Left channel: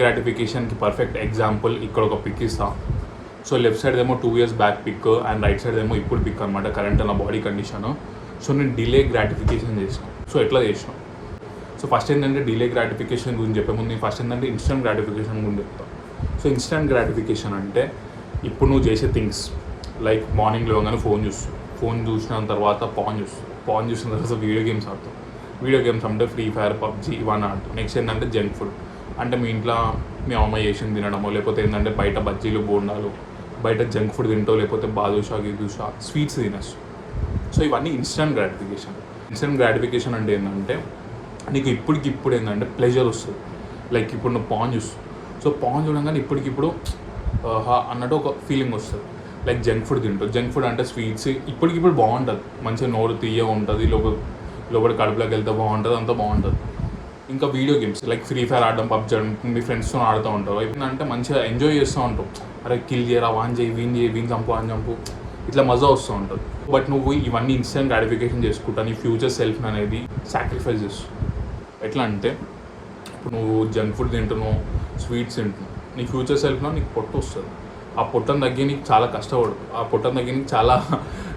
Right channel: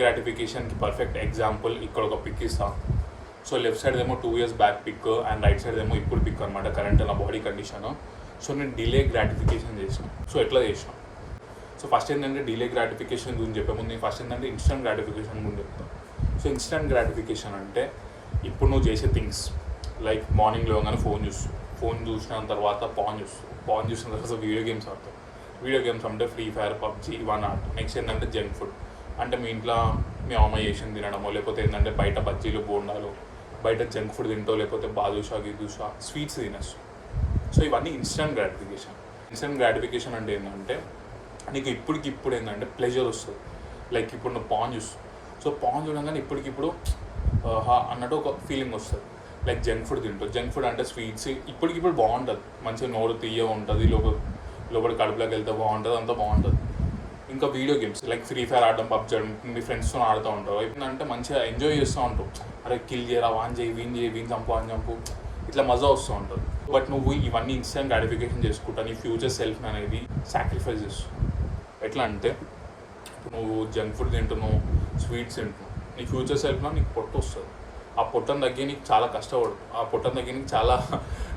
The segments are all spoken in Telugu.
గ్రాటిఫికేషన్కి పర్ఫెక్ట్ ఎగ్జాంపుల్ ఇక్కడ ఒక పిక్ ఇస్తా. సో లెఫ్ట్ సైడ్ ఏమో 2 years back pic and right side ఏమో ఇప్పుడు పిక్ అనమాట, కరెంట్ నా బాడీ కండిషన్. సో నేను డిలే గ్రాటిఫికేషన్ చేసిన. సో ఎట్లా చేసిన? సో ఫస్ట్ ఏంటంటే డిలే గ్రాటిఫికేషన్ గురించి చెప్పే ముందు నేను ఫస్ట్ ఏంటంటే ఇన్స్టెంట్ గ్రాటిఫికేషన్ గురించి చెప్తాను. సో ఇన్స్టెంట్ గ్రాటిఫికేషన్ అంటే ఇప్పుడు నువ్వు చేసే థింగ్స్ లైక్ మార్నింగ్ లేవగానే ఫోన్ చూసిన తర్వాత పాన్ చూసిన తర్వాత వీడియో గేమ్స్ ఆడతావు. వీడియో గేమ్స్ అంటే ఫ్రీ ఫైర్, పబ్జీ ఇవన్నీ ఆడతావు. నెక్స్ట్ ఏంటంటే జంక్ ఫుడ్, అంటే మీ ఇంట్లో మీ అమ్మ చేసింది తినడమో, లేకపోతే ఏంటంటే బయట బజ్జీలు బోండాలు బయట జంక్ ఫుడ్ తింటావు, లేకపోతే బాదుషా గిదుషా స్వీట్స్ తినచ్చు. సో ఇవన్నీ ఇన్స్టెంట్ గ్రాటిఫికేషన్. ఇన్స్టెంట్ గ్రాటిఫికేషన్ అంటే ఏంటంటే నీకు ఇప్పటికిప్పుడు ఏంటంటే ప్లెజర్ వస్తుంది. లైక్ ఇప్పుడు నువ్వు పాన్ చూస్తావు, సో పాన్ చూడగానే ఇప్పటికిప్పుడు అన్నట్టు ఒక ఫీలింగ్ వస్తుంది. లైక్ జంక్ ఫుడ్ తింటావు. జంక్ ఫుడ్ అంటే స్వీట్స్ ఇప్పటికిప్పుడు బాగుంటుంది, మంచిగా నోరు తీయగా ఉంటుంది, లోపల కడుపులోకి వెళ్తే బాగుంటుంది, అంతా బాగుంటుంది. ఇంకా video games like free fire ఆడడం, పబ్జీ ఆడడం, మీ ఫ్రెండ్స్తో ఆడుతూ ఉంటావు. ఏంటంటే మంచిగా ఎంజాయ్ చేస్తూ ఉంటావు. అరే కిల్ చేయరా, వాన్ చేయి, వీన్ చంపు, అని చంపు, ఇట్లా మజా వస్తూ ఉంటుంది. బట్ నువ్వు ఇవన్నీ ఇన్స్టెంట్ గ్రాటిఫికేషన్ చేసుకుంటా నీ ఫ్యూచర్ సెల్ఫ్ అనేది సాక్రిఫైస్ చేస్తావు. ఎట్లా అంటే ఇప్పుడు నువ్వు జంక్ ఫుడ్ తింటున్నావు, స్వీట్స్ తింటున్నావు, నీ ఫ్యూచర్ సెల్ఫ్లో నీకు పొట్టు వస్తుంది. ఆ పొట్టను తగ్గి నీకు చాలా కష్టపడు. ఆ పొట్టను తగ్గి నీకు చాలా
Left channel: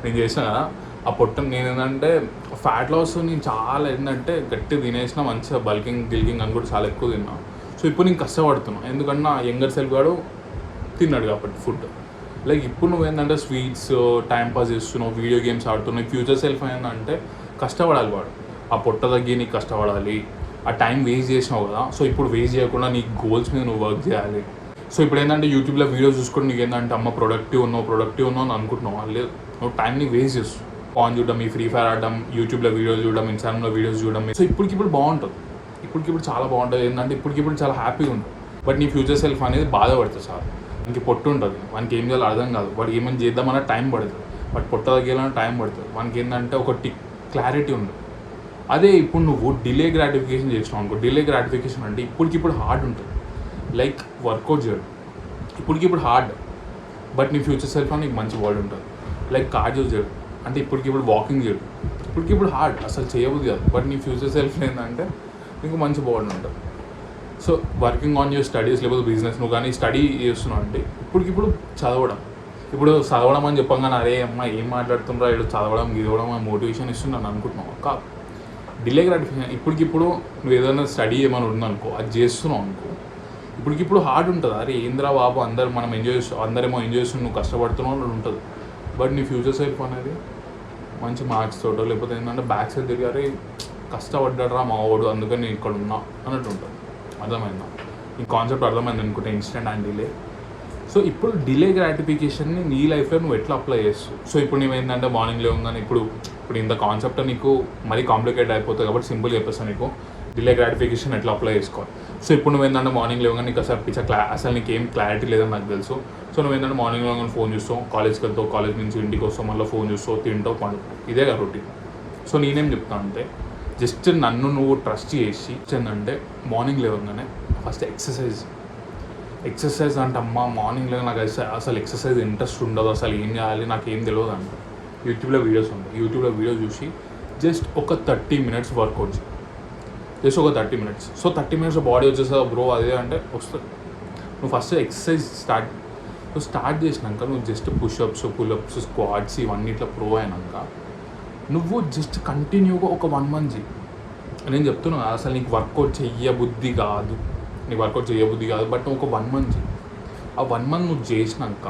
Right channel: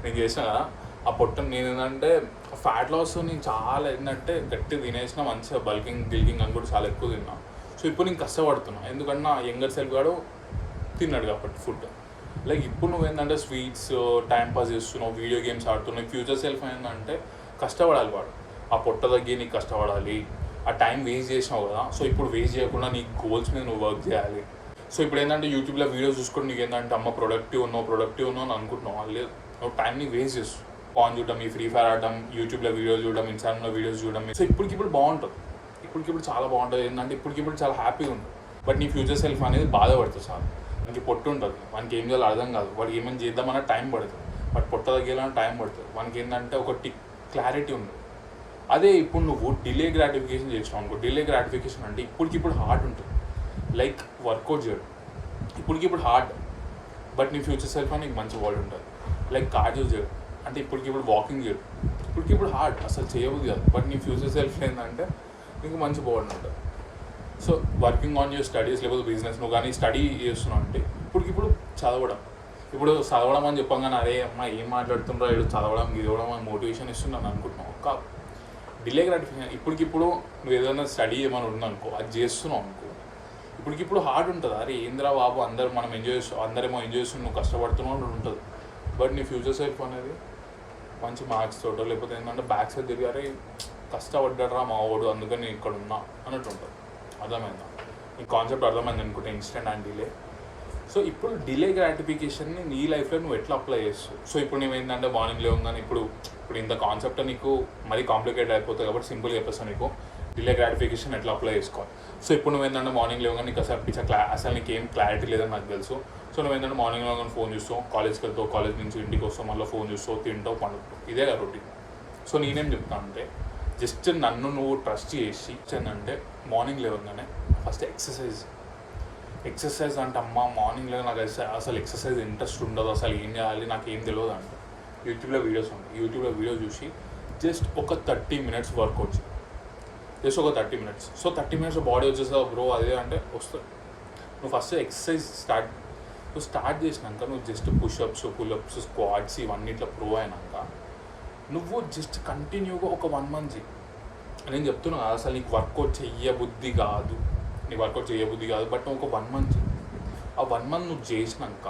నేను చేసిన కదా, ఆ పొట్టను నేను ఏంటంటే ఫ్యాట్ లాస్ నేను చాలా ఏంటంటే గట్టి తినేసిన, మంచిగా గిల్కింగ్ అని కూడా చాలా ఎక్కువ తిన్నా. సో ఇప్పుడు నేను కష్టపడుతున్నాను, ఎందుకంటే నా యంగర్ సెల్ఫ్ వాడు తిన్నాడు కాబట్టి ఫుడ్. లైక్ ఇప్పుడు నువ్వు ఏంటంటే స్వీట్స్ టైం పాస్ చేస్తున్నావు, వీడియో గేమ్స్ ఆడుతున్నావు. ఫ్యూచర్ సెల్ఫ్ ఏంటంటే కష్టపడాలి వాడు. ఆ పొట్ట తగ్గి నీకు కష్టపడాలి. ఆ టైం వేస్ట్ చేసినావు కదా, సో ఇప్పుడు వేస్ట్ చేయకుండా నీ గోల్స్ మీద నువ్వు వర్క్ చేయాలి. సో ఇప్పుడు ఏంటంటే యూట్యూబ్లో వీడియోస్ చూసుకొని నీకు ఏంటంటే అమ్మ ప్రొడక్టివ్ ఉన్నావు అని అనుకుంటున్నావు. లేదు, నువ్వు టైంని వేస్ట్ చేస్తావు. ఫోన్ చూడడం, ఈ ఫ్రీ ఫైర్ ఆడడం, యూట్యూబ్లో వీడియోస్ చూడడం, ఇన్స్టాగ్రామ్లో వీడియోస్ చూడడం. సో ఇప్పటికిప్పుడు బాగుంటుంది, ఇప్పటికిప్పుడు చాలా బాగుంటుంది. ఏంటంటే ఇప్పటికిప్పుడు చాలా హ్యాపీగా ఉంటుంది. బట్ నీ ఫ్యూచర్ సెల్ఫ్ అనేది బాధపడుతుంది సార్. ఇంక పొట్టు ఉంటుంది, మనకి ఏం చేయాలో అర్థం కాదు. వాడికి ఏమైనా చేద్దామన్నా టైం పడుతుంది, బట్ పొట్ట తగ్గేయాలన్నా టైం పడుతుంది. మనకి ఏంటంటే ఒక క్లారిటీ ఉండదు. అదే ఇప్పుడు నువ్వు డిలే గ్రాటిఫికేషన్ చేసావు అనుకో. డిలే గ్రాటిఫికేషన్ అంటే ఇప్పటికిప్పుడు హార్డ్ ఉంటుంది. లైక్ వర్కౌట్ చేయడం ఇప్పటికిప్పుడు హార్డ్, బట్ నీ ఫ్యూచర్ సెల్ఫ్లో నీకు మంచి బాడీ ఉంటుంది. లైక్ కార్డియో చేయడం అంటే ఇప్పటికిప్పుడు వాకింగ్ చేయడం ఇప్పటికిప్పుడు హార్డ్, అసలు చేయబుద్ది కాదు. బట్ నీ ఫ్యూచర్ సెల్ఫ్ ఏంటంటే నీకు మంచి బాడీ ఉంటుంది. So working on your studies, లేకపోతే బిజినెస్, నువ్వు కానీ స్టడీ చేస్తున్నావు అంటే ఇప్పటికిప్పుడు చదవడం అని చెప్పగానే అరే అమ్మ ఏం మాట్లాడుతుండ్రా, వీళ్ళు చదవడం గిదవడం అని మోటివేషన్ ఇస్తున్నాను అనుకుంటున్నావు. కాదు, డిలే గ్రాటిఫికేషన్. ఇప్పటికిప్పుడు నువ్వు ఏదైనా స్టడీ ఏమైనా ఉందనుకో, అది చేస్తున్నావు అనుకో, ఇప్పటికిప్పుడు హార్డ్ ఉంటుంది. అరే ఏంద్రా బాబు, అందరేమో ఎంజాయ్ చేస్తున్నావు, నువ్వు కష్టపడుతున్నావు అని ఉంటుంది. బట్ నీ ఫ్యూచర్ సెల్ఫ్ అనేది మంచి మార్క్స్ తోటో, లేకపోతే ఏంటంటే బ్యాక్ సైడ్ తిరిగి అరే కష్టపడ్డారా మా వాడు, అందుకని నేను ఇక్కడ ఉన్నా అన్నట్టు ఉంటుంది. అర్థమైందా? ఈ కాన్సెప్ట్ అర్థమైంది అనుకుంటే ఇన్స్టెంట్ అండ్ డిలే. సో ఇప్పుడు డిలే గ్రాటిఫికేషన్ని నీ లైఫ్లో నువ్వు ఎట్లా అప్లై చేస్తావు? సో ఇప్పుడు నువ్వేంటంటే మార్నింగ్ లేవగానే ఇప్పుడు ఇంత కాన్సెప్ట్ నీకు మరీ కాంప్లికేట్ అయిపోతుంది కాబట్టి సింపుల్ చెప్పేస్తాను నీకు డిలే గ్రాటిఫికేషన్ ఎట్లా అప్లై చేసుకోవాలి. సో ఇప్పుడు నువ్వేంటంటే మార్నింగ్ లేవగానే నీకు అసలు నీకు ఏం క్లారిటీ లేదని నాకు తెలుసు. సో నువ్వేంటంటే మార్నింగ్ లేవగానే ఫోన్ చూస్తావు, కాలేజ్కి వెళ్తావు, కాలేజ్ నుంచి ఇంటికి వస్తావు, మళ్ళీ ఫోన్ చూస్తావు, తింటావు, పండుతావు. ఇదే కదా రొటీన్. సో నేనేం చెప్తాను అంటే జస్ట్ నన్ను నువ్వు ట్రస్ట్ చేసి ఏంటంటే మార్నింగ్ లేవగానే ఫస్ట్ ఎక్సర్సైజ్ అంటే అమ్మ మార్నింగ్ లేక నాకు అసలు ఎక్సర్సైజ్ ఇంట్రెస్ట్ ఉండదు, అసలు ఏం చేయాలి నాకు ఏం తెలియదు అంట. యూట్యూబ్లో వీడియోస్ ఉంటాయి, యూట్యూబ్లో వీడియో చూసి జస్ట్ ఒక 30 minutes వర్కౌట్ చేయి. జస్ట్ ఒక 30 minutes. సో 30 minutes బాడీ వచ్చేసా బ్రో అదే అంటే వస్తుంది. నువ్వు ఫస్ట్ ఎక్సర్సైజ్ స్టార్ట్ చేసినాక నువ్వు జస్ట్ పుషప్స్, పుల్అప్స్, స్క్వాట్స్ ఇవన్నీ ఇట్లా ప్రూవ్ అయినాక నువ్వు జస్ట్ కంటిన్యూగా ఒక 1 month చేయి. నేను చెప్తున్నాను అసలు నీకు వర్కౌట్ చేయబుద్ధి కాదు, బట్ నువ్వు ఒక 1 month చేయి. ఆ 1 month నువ్వు చేసినాక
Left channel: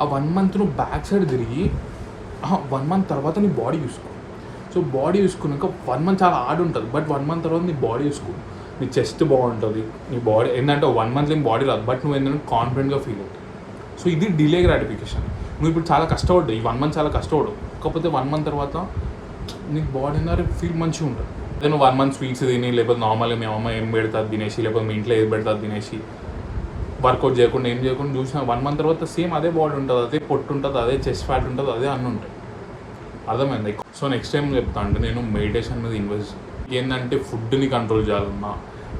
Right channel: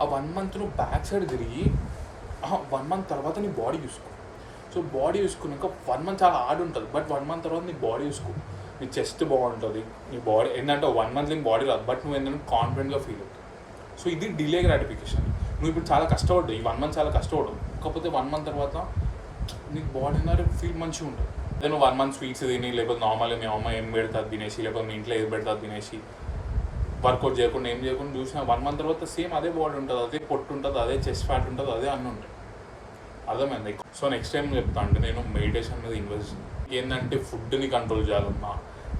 ఆ 1 month నువ్వు బ్యాక్ సైడ్ తిరిగి 1 month తర్వాత నీ బాడీ చూసుకో. సో బాడీ చూసుకున్నాక 1 month చాలా హార్డ్ ఉంటుంది, బట్ 1 month తర్వాత నీ బాడీ చూసుకో. నీ చెస్ట్ బాగుంటుంది, నీ బాడీ ఏంటంటే 1 month నీ బాడీ రాదు, బట్ నువ్వు ఏంటంటే కాన్ఫిడెంట్గా ఫీల్ అవుతావు. సో ఇది డిలే గ్రాటిఫికేషన్. నువ్వు ఇప్పుడు చాలా కష్టపడ్డావు, ఈ 1 month చాలా కష్టపడవు, కాకపోతే 1 month తర్వాత నీకు బాడీ అనేది ఫీల్ మంచిగా ఉంటుంది. అదే నువ్వు 1 month స్వీట్స్ తిని, లేకపోతే నార్మల్గా మీ అమ్మ ఏం పెడతాది తినేసి, లేకపోతే మీ ఇంట్లో ఏది పెడతాది తినేసి, వర్కౌట్ చేయకుండా ఏం చేయకుండా చూసినా 1 month తర్వాత సేమ్ అదే బాడీ ఉంటుంది, అదే పొట్టు ఉంటుంది, అదే చెస్ట్ ఫ్యాట్ ఉంటుంది, అదే అన్నీ ఉంటాయి. అర్థమైంది? సో నెక్స్ట్ టైం చెప్తా అంటే నేను మెడిటేషన్ మీద ఇన్వెస్ట్ ఏంటంటే ఫుడ్ని కంట్రోల్ చేయాలన్నా,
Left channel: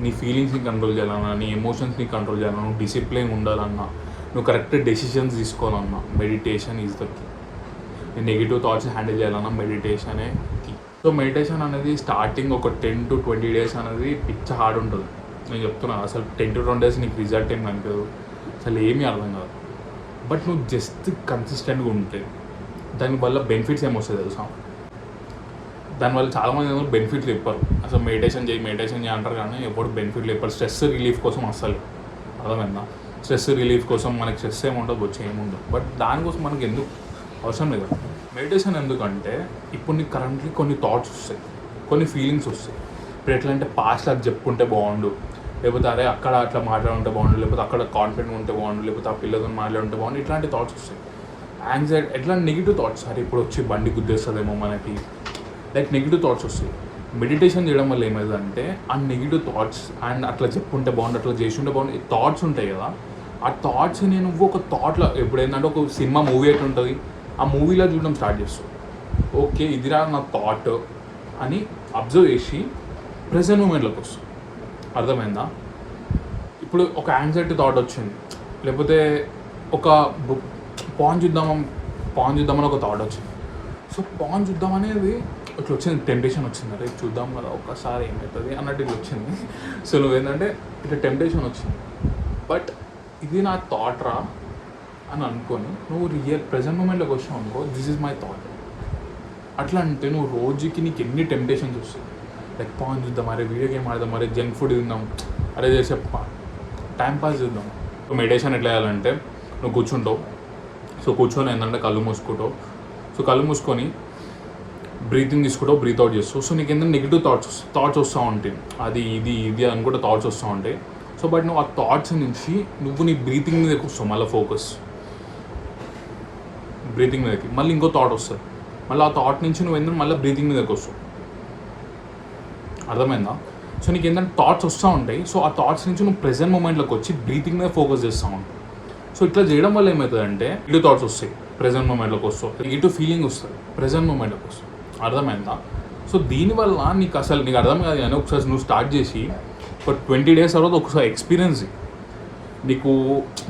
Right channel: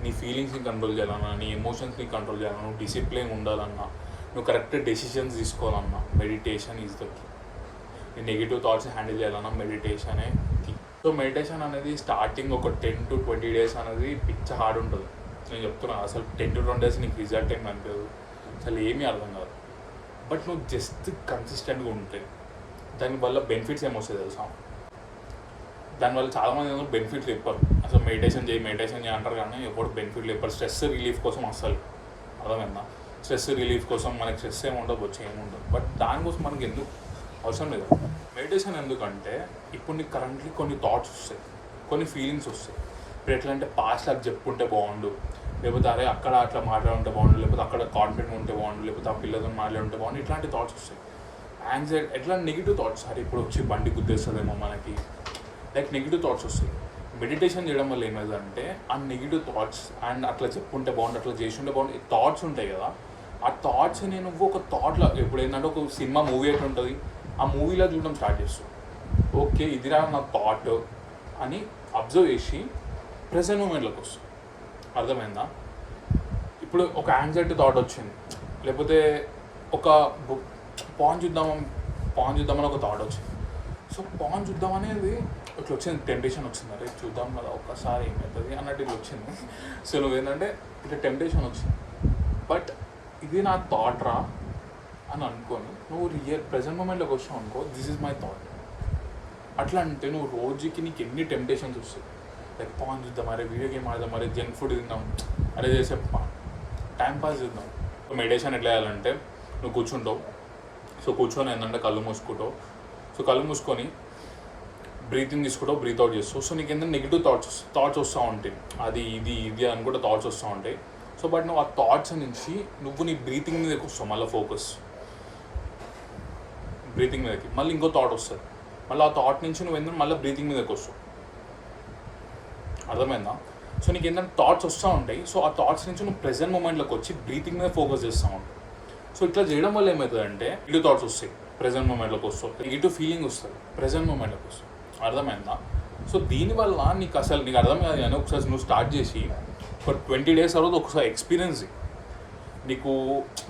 నీ ఫీలింగ్స్ని కంట్రోల్ చేయాలన్నా, నీ ఎమోషన్స్ని కంట్రోల్ చేయాలన్నా, డిసిప్లిన్ ఉండాలన్నా, నువ్వు కరెక్ట్ డెసిషన్స్ తీసుకోవాలన్నా మెడిటేషన్ ఈజ్ ద కీ. నీ నెగిటివ్ థాట్స్ హ్యాండిల్ చేయాలన్నా మెడిటేషనే కీ. సో మెడిటేషన్ అనేది స్టార్టింగ్ ఒక 10 to 20 days అనేది పిచ్చ హార్డ్ ఉంటుంది. నేను చెప్తున్నా అసలు 10 to 20 days నీకు రిజల్ట్ ఏం కనిపించదు, అసలు ఏమీ అర్థం కాదు. బట్ నువ్వు జస్ట్ కన్సిస్టెంట్గా ఉంటే దానివల్ల బెనిఫిట్స్ ఏమొస్తాయి తెలుసా? దానివల్ల చాలామంది బెనిఫిట్లు చెప్పారు, అసలు మెడిటేషన్ చేయి అంటారు కానీ ఎప్పుడు బెనిఫిట్లు చెప్పారు. స్ట్రెస్ రిలీఫ్ కోసం అసలు అర్థమైందా? స్ట్రెస్ రిలీఫ్ కోసం మనకి స్ట్రెస్ ఏముంటుంది, వచ్చి ఏముండదు. బట్ దానికోసం మనకి ఎందుకు అవసరం లేదు మెడిటేషన్. ఎందుకంటే ఇప్పుడు నీకు కరెంట్లీ కొన్ని థాట్స్ వస్తాయి, కొన్ని ఫీలింగ్స్ వస్తాయి. ఇప్పుడు ఎట్లా అంటే పాస్ట్ అది చెప్పుకుంటే బాగుండు, లేకపోతే అరే అక్కడ అట్లా మాట్లాడుంటే బాగుండు, లేకపోతే అక్కడ కాన్ఫిడెంట్ ఉంటే బాగుండు, లేకపోతే ఆ పిల్లలతో మాట్లాడుంటే బాగుండు, ఇట్లాంటి థాట్స్ వస్తాయి. యాంగ్జైటీ ఎట్లా నెగిటివ్ థాట్స్, అరే ఇప్పుడు వచ్చి బండి గుద్దేస్తుందేమో మనకి, లైక్ నెగిటివ్ థాట్స్ వస్తాయి. మెడిటేషన్ చేయడం వల్ల ఏమైందంటే ఆ నెగిటివ్ థాట్స్ అండ్ అట్లా చెప్పుకుంటే బాగుండు, అట్లా చేసి ఉంటే బాగుండు, థాట్స్ ఉంటాయి కదా, ఆ థాట్స్ నేను ఒక థాట్లో ఎప్పుడు ఏంటంటే ఒక సినిమా మూవీ అయితే ఉంటుంది, ఆ మూవీలో చూడడం స్టార్ట్ చేస్తాను. ఓకే ఇదిరా నా థాట్ అని అబ్జర్వ్ చేసి ప్రెజెంట్ మూమెంట్లోకి వస్తాం. అర్థమైందా? ఇప్పుడు ఒక యాంగ్జైటీ థాట్ వచ్చింది, లేకపోతే ఒక పాన్ చూద్దామని ఒక థాట్ వచ్చింది. సో పాన్ చూద్దాం అనేది ఇట్లా వచ్చింది, టెంప్టేషన్ వచ్చింది, అరే చూద్దాం కదా ఒక్కసారి ఏమవుతుంది అన్నట్టు ఇట్లా వచ్చింది. సో నువ్వేంటంటే ఇట్లా టెంప్టేషన్ వచ్చింది, బట్ ఇది నా థాట్ రా అని అనుకొని నువ్వు ప్రెజెంట్ మూమెంట్లోకి వచ్చావు అనుకో, దిస్ ఈజ్ మై థాట్. అట్లా అంటే నువ్వు రోజుకి నీకు ఎన్ని టెంప్టేషన్స్ వస్తాయి, లైక్ పాన్ చూద్దాం, అరే వీడియో గేమ్ ఆడదాం, అరే జంక్ ఫుడ్ తిందాం, అరే చేసే టైం పాస్ చేద్దాం. సో మెడిటేషన్ ఎట్లా చేయాలంటే నువ్వు కూర్చుంటావు. సో కూర్చొని ఏంటంటే కళ్ళు మూసుకుంటావు. సో కళ్ళు మూసుకొని బ్రీతింగ్ తీసుకుంటావు, బ్రీత్ అవుట్ చేస్తావు. సో నీకు ఏంటంటే నెగిటివ్ థాట్స్ వస్తూ ఉంటాయి, అది ఇది అనుకుంటే థాట్స్ వస్తూ ఉంటాయి. సో బట్ నువ్వు ఆ థాట్స్ నుంచి నువ్వు నీ బ్రీతింగ్ మీదకి వస్తావు, మళ్ళీ ఫోకస్ బ్రీతింగ్ మీదకి. మళ్ళీ ఇంకో థాట్ వస్తుంది, మళ్ళీ ఆ థాట్ నుంచి నువ్వు ఏంటంటే మళ్ళీ బ్రీతింగ్ మీదకి వస్తావు. అర్థమైందా? సో నీకు ఏంటంటే థాట్స్ వస్తూ ఉంటాయి. సో ఆ థాట్స్ నుంచి నువ్వు ప్రెజెంట్ మూమెంట్లోకి వచ్చి బ్రీతింగ్ మీద ఫోకస్ చేస్తూ ఉంటావు. సో ఇట్లా చేయడం వల్ల ఏమవుతుందంటే నెగిటివ్ థాట్స్ వస్తాయి, ప్రెజెంట్ మూమెంట్లోకి వస్తావు, నెగిటివ్ ఫీలింగ్ వస్తుంది, ప్రెజెంట్ మూమెంట్లోకి వస్తావు. అర్థమైందా? సో దీనివల్ల నీకు అర్థం కాదు కానీ ఒకసారి నువ్వు స్టార్ట్ చేసి ఒక 20 days తర్వాత ఒకసారి ఎక్స్పీరియన్స్ నీకు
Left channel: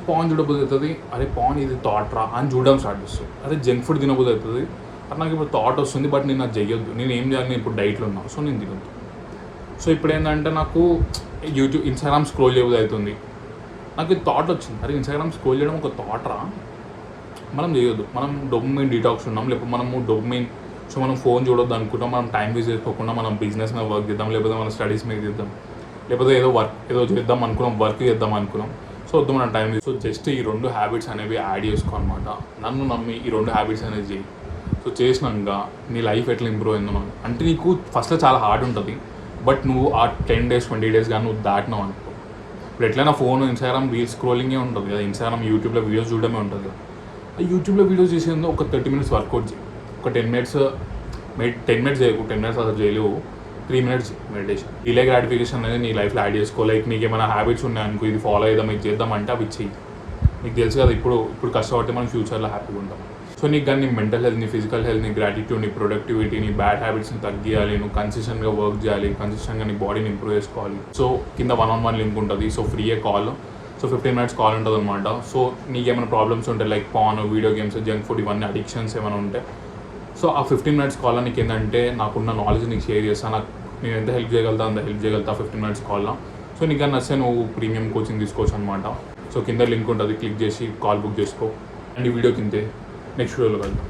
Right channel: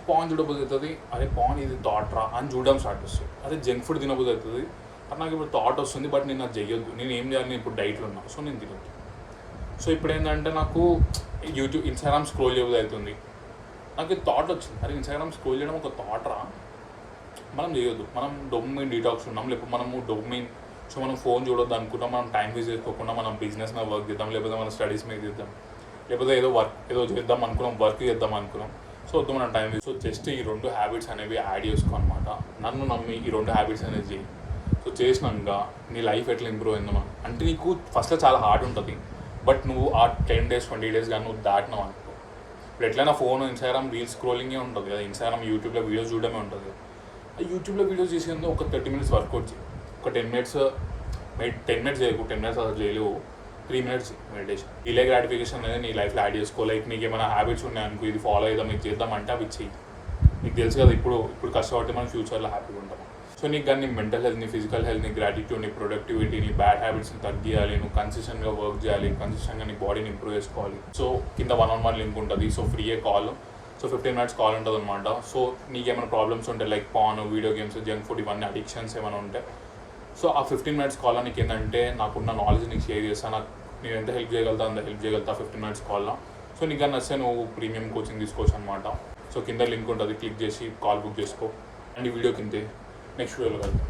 పాన్ చూడబోదు అవుతుంది, అరే పాన్ ఇది థాట్ రా అని చూడడం స్టార్ట్ చేస్తుంది. అదే జంక్ ఫుడ్ తినబోదు అవుతుంది, అది నాకు ఇప్పుడు థాట్ వస్తుంది, బట్ నేను అది చేయొద్దు, నేను ఏం చేయాలి, నేను ఇప్పుడు డైట్లో ఉన్నాను, సో నేను తినొద్దు. సో ఇప్పుడు ఏంటంటే నాకు ఇన్స్టాగ్రామ్ స్క్రోల్ చేయబోదు అవుతుంది, నాకు ఇది థాట్ వచ్చింది, అరే ఇన్స్టాగ్రామ్ స్క్రోల్ చేయడం ఒక థాట్ రా, మనం చేయొద్దు, మనం డోపమైన్ డీటాక్స్ ఉన్నాం, లేకపోతే మనము డోపమైన్. సో మనం ఫోన్ చూడొద్దు అనుకుంటాం, మనం టైం వేస్ట్ చేసుకోకుండా మనం బిజినెస్ మీద వర్క్ చేద్దాం, లేకపోతే మన స్టడీస్ మీద చేద్దాం, లేకపోతే ఏదో చేద్దాం అనుకున్నాం, వర్క్ చేద్దాం అనుకున్నాం. సో వద్దు మనం టైం వేస్ట్. సో జస్ట్ ఈ 2 హ్యాబిట్స్ అనేవి యాడ్ చేసుకో అనమాట. నన్ను నమ్మి ఈ 2 హ్యాబిట్స్ అనేది చేయి. సో చేసినాక నీ లైఫ్ ఎట్లా ఇంప్రూవ్ అయిందో అంటే నీకు ఫస్ట్లో చాలా హార్డ్ ఉంటుంది, బట్ నువ్వు ఆ 10 days 20 days కానీ నువ్వు దాటినావు అనుకో. ఇప్పుడు ఎట్లయినా ఫోన్ ఇన్స్టాగ్రామ్ రీల్స్ స్క్రోలింగే ఉంటుంది కదా, ఇన్స్టాగ్రామ్ యూట్యూబ్లో వీడియోస్ చూడడమే ఉంటుంది కదా. ఆ యూట్యూబ్లో వీడియోస్ చేసేందుకు ఒక 30 minutes వర్కౌట్ చేయి, ఒక 10 minutes చేయకు, 10 minutes అసలు చేయలేవు, 3 minutes మెడిటేషన్. డిలే గ్రాటిఫికేషన్ అనేది నీ లైఫ్లో యాడ్ చేసుకో. లైక్ నీకు ఏమైనా హ్యాబిట్స్ ఉన్నాయనుకో, ఇది ఫాలో చేద్దాం, ఇది చేద్దాం అంటే అవి చెయ్యి. నీకు తెలుసు కదా ఇప్పుడు కష్టపడితే మనం ఫ్యూచర్లో హ్యాపీగా ఉంటాం. సో నీకు కానీ నీ మెంటల్ హెల్త్, నీ ఫిజికల్ హెల్త్, నీ గ్రాటిట్యూడ్, నీ ప్రొడక్టివిటీ, నీ బ్యాడ్ హ్యాబిట్స్ని తగ్గియాలి, నువ్వు కన్సిస్టెంట్గా వర్క్ చేయాలి, కన్సిస్టెంట్గా నీ బాడీని ఇంప్రూవ్ చేసుకోవాలి. సో కింద 1-on-1 లింక్ ఉంటుంది, సో ఫ్రీయే కాల్. సో 15 minutes కాల్ ఉంటుంది అనమాట. సో నీకు ఏమైనా ప్రాబ్లమ్స్ ఉంటాయి, like pan, video games, junk food, ఇవన్నీ అడిక్షన్స్ ఏమైనా ఉంటే, సో ఆ 15 minutes కాల్లో నీకు ఏంటంటే నాకున్న నాలెడ్జ్ నీకు షేర్ చేస్తాను, నాకు నేను ఎంత హెల్ప్ చేయగలుగుతా అంత హెల్ప్ చేయగలుగుతా 15 minutes కాల్లో. సో నీకు కానీ నచ్చితే నువ్వు ప్రీమియం కోచింగ్ తీసుకోవచ్చు అనమాట. సో కింద లింక్ ఉంటుంది, క్లిక్ చేసి కాల్ బుక్ చేసుకో. అండ్ ఈ వీడియో కిందే నెక్స్ట్ వీడియోలో కలుద్దాం.